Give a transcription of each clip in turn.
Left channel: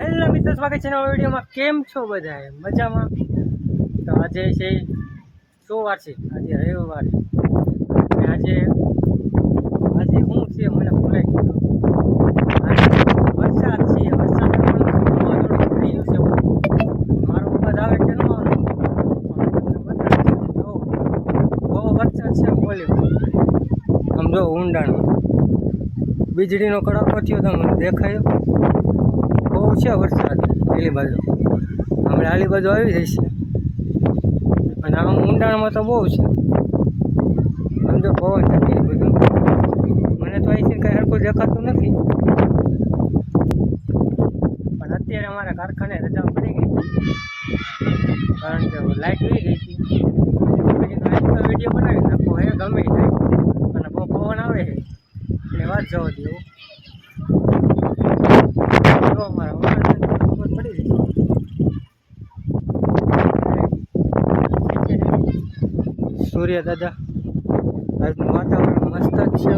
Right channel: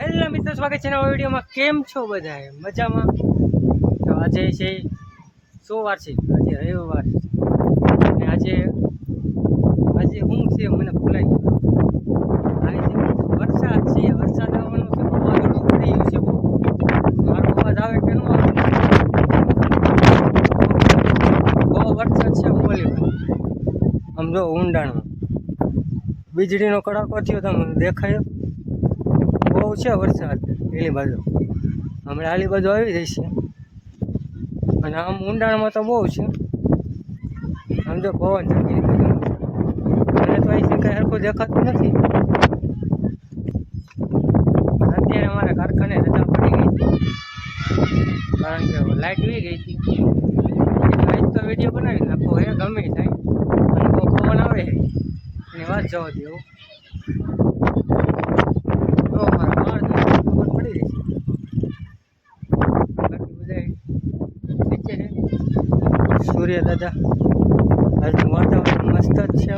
Hello મિત્રો, સ્વાગત છે નવા વિડીયોમાં. કેમ છો બધા મજામાં? તો આજે છે સોમવાર છે, આજે રવિવાર છે. અને આજે આજે શું છે મને ભૂલાઈ ગયું. વરસાદ છે, વરસાદ આવવાનો છે બહુ મારો અવાજ આવે કે ન બહુ વરસાદ છે બોલી આમ જો ઊંડાણ વીજળીનો કડાકો થયો તો મને દેખાયો. બહુ છે વરસાદ પેલી બાજુ. હમણાં આલી બાજુ આવી જશે અને આમ ઊંડાણમાં તો બહુ છે. આમ જો પવન ચકી બધું મને તો અહીંથી કંઈ સરખું દેખાતું નથી. અત્યારે અમારા કારખાને રજા પડી ગઈ હતી કારણ કે લાઇટ વી ગઈ હતી. લાઇટ તો વીડિયો બનાવી નાખો, હે, ગમે થાય. અને બહુ પવન આવે છે. એની વાત જવા દેવું જો અમારા માણસ ખબર પડી રહી છે સૂર્ય દાદા. આજનું વાતાવરણ મસ્ત જ છે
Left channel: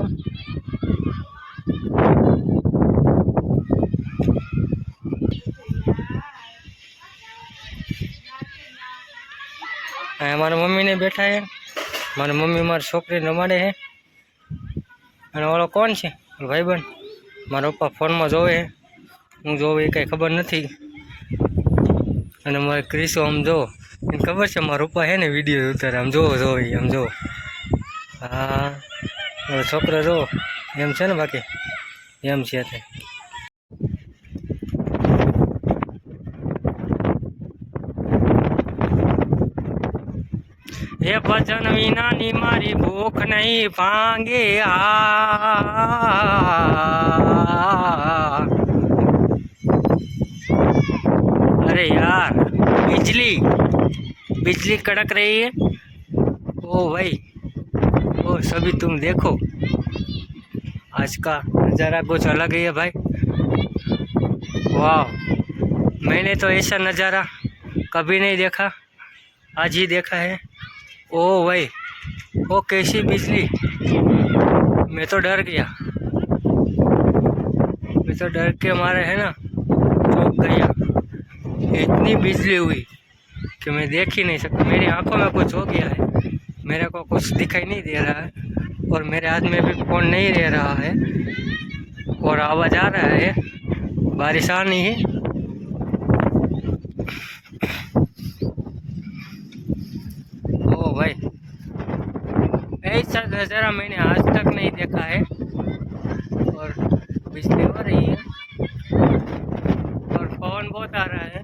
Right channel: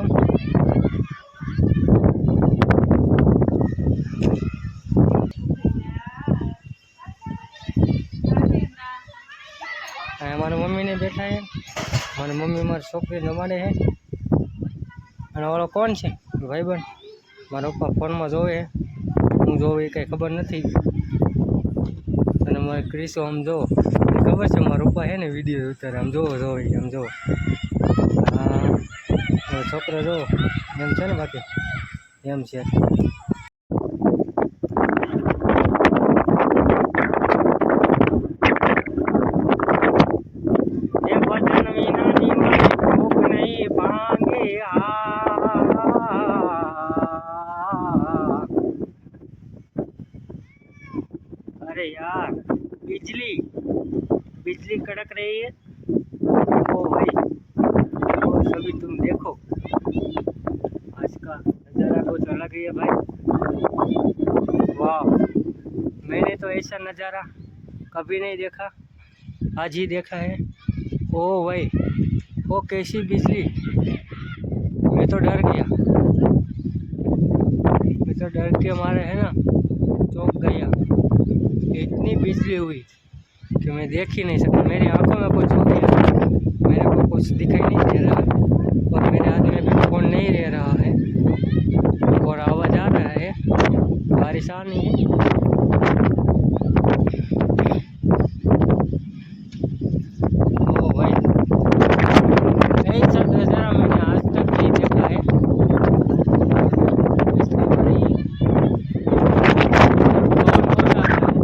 અહીંયા મારા મમ્મીને બેઠા છે. મારી મમ્મી મારી છોકરી રમાડે છે. અને ઓલો કોણ છે? ભાઈબંધ. મારા પપ્પા ફોનમાં જોવે હું જોવે એ કંઈ ખબર નથી. અને મારે ક્રિસો આમ જો એ ખબર છે, મારા પપ્પા હે ને વીડિયો ઉતારે. આમ જોવો જોવો આમ જોવો. હા મારો છોકરો જોવો. એમ છે ને બાકી? એમ છે. એ ભજન વિનાની મારી ભૂખ નહીં ભાંગે આ. અરે યાર બિજલી बिजली कड़क रही है। ओ भाई, ओ सभी तुम देखो। आज का नज़ारा कुछ अलग ही है भाई। वाह, मैंने तो ऐसा नज़ारा कभी नहीं देखा, आज ही देखा है। ओ भाई, ओ कैसी बिजली। मैं तो डर गया। मैं तो डर के मारे है ना, चौंक गया। इतनी बिजली हुई। कि मैं देख ही नहीं सकता। मेरी आँखों में कुछ हो गया। मेरे को कुछ दिखाई नहीं दे रहा। है और मेरे हाथ में भी फ़ोन नहीं रह रहा है। और आवाज़ आ रहा है। बारिश आ नहीं है ओ भाई ऐसा नज़ारा मैंने आज तक नहीं देखा है और बिजली हो रही है और पवन बहुत आ रहा है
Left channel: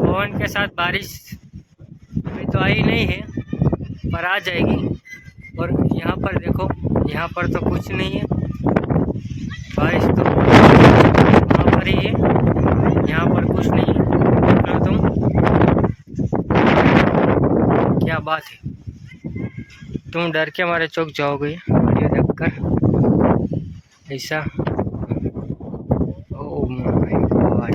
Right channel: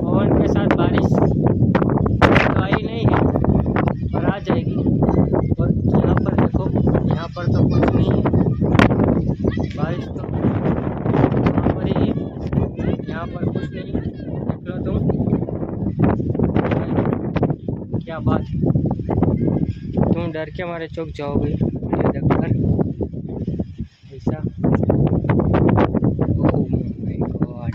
पवन के साथ बारिश तो आई नहीं है, पर आ जाएगी। और यहाँ पर देखो, यहाँ पर तो कुछ नहीं है। बारिश तो यहाँ पर ही है। यहाँ पर कुछ नहीं है। तुम क्या बात है। तुम डर के हमारे चौक जाओगे, ये देखकर। ऐसा। ओह माय गॉड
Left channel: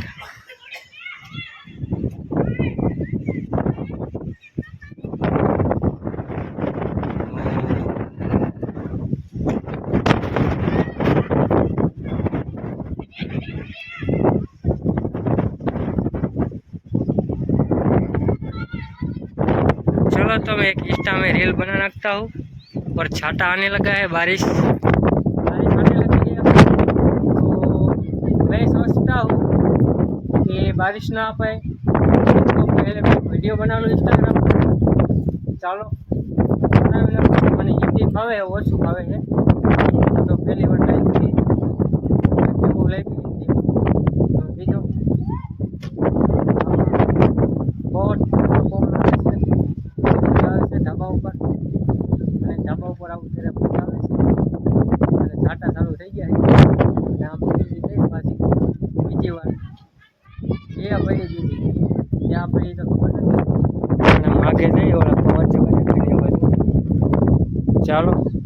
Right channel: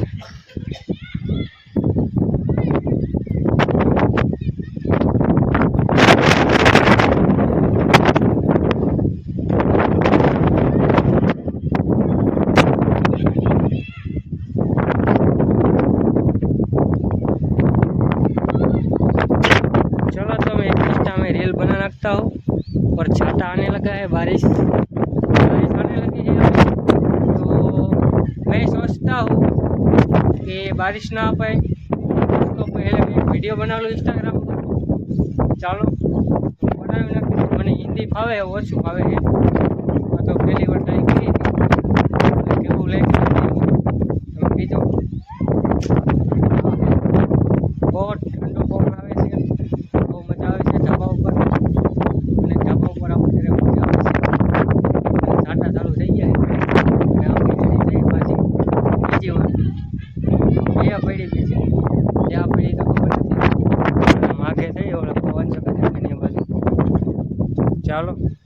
चलो तो मैं एक इंस्टा में रील बना रखता हूँ और छाता आने लगा है बारिश बारिश आने लगी है अब। तो मैं सोचता हूँ कि बारिश ना आ पाए तो पहले मैं वीडियो बना लूँ इंस्टाग्राम पर ચાલો બનાવી નાખું. મને હિન્દી ફાવે ઓછું ફાવે છે આ તો પહેલી વાર ટ્રાય કરી હતી. કેવું લાગ્યું તમે છે ચાલુ થઈ ગયા છે. આમ વીજળી થઈ પાછી. બીજી વાર. બે પડી બીજી ત્યાં પડી તો ખબર નથી. આગે જઈ ઓલા પવન ચક્કર ચાલો.